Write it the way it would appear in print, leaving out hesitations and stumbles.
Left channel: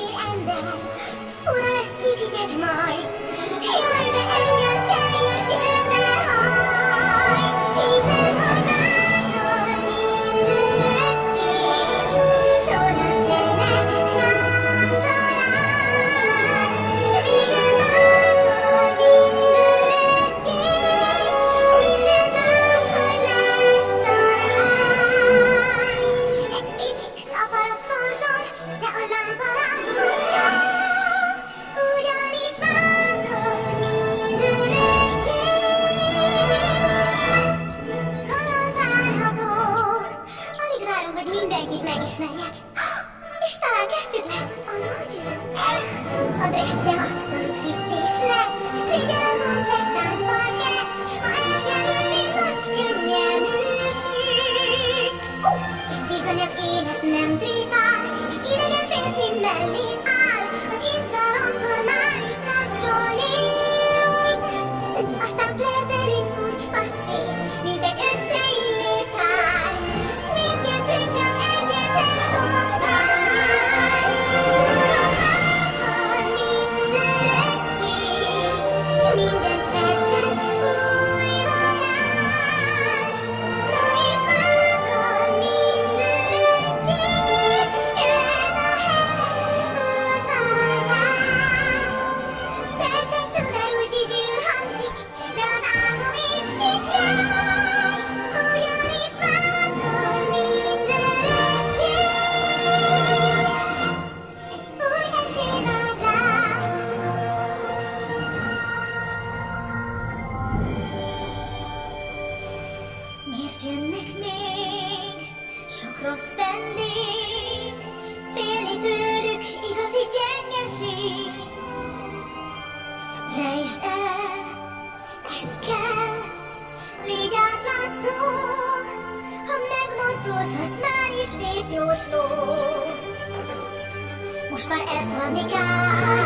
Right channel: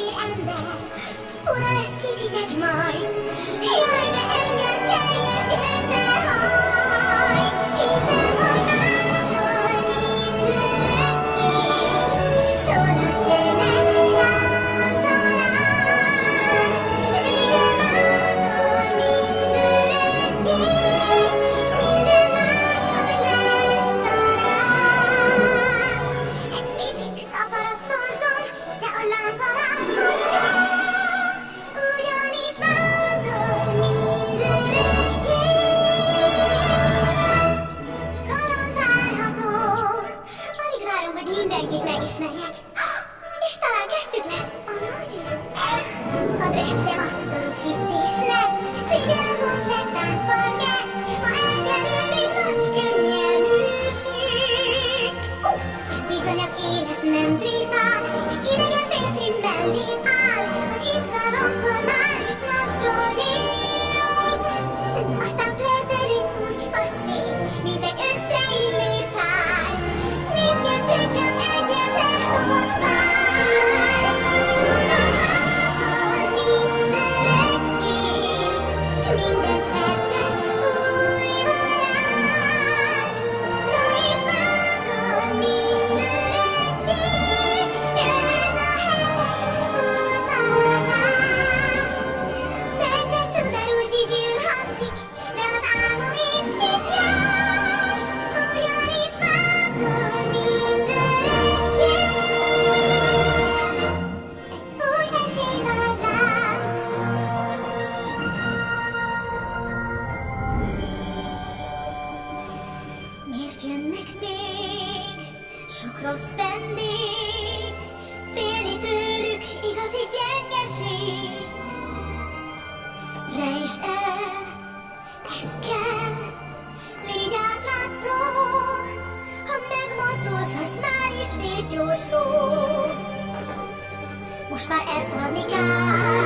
fehér ember. Ura lesz kicsit ez majd. Jaj, de engem teljes ősszel hajt. Hiszen hogy bátor mindörökké. Szól a zene, rám talál. Végre bátor mindörökké. Minden máshogy lesz talán. Egy picit kapar a torkom, de a lámpaláz most jó. Ugyanis bátor mindörökké. Kaland várható. Alig várom, hogy mindenkit megismerjek. És talán köztük lesz a nagy ő. A dresszem abszolút fit és nett. Figyel a komplett táncparkett. Ma elkerülni nagy könnyelműség. És bizony az élet nem tréfál. Egy idegen férfi mellém áll. Az izgalomtól már is nasolnél. Aztán flirtelünk úgy passzív, mint egy összeillő pár. Mindkettőnk csak egyetlen szót vár. Tudom, bátor mindörökké. Minden percen új varázs. Na és bátor mindörökké. Jöhet a heves udvarlás. Persze cudarul zizül hangzik, de az álmom épp itt jár. Ugyanis bátor mindörökké. Egy új esély vár rám. Miért jönnek még sok rossz vendég? Félni tőlük igazi gyengeség. Rejtsd el, ez kell, légy átlátszó. Ha megmozdulsz, az már is vészjósló. Most már elszaladni kell.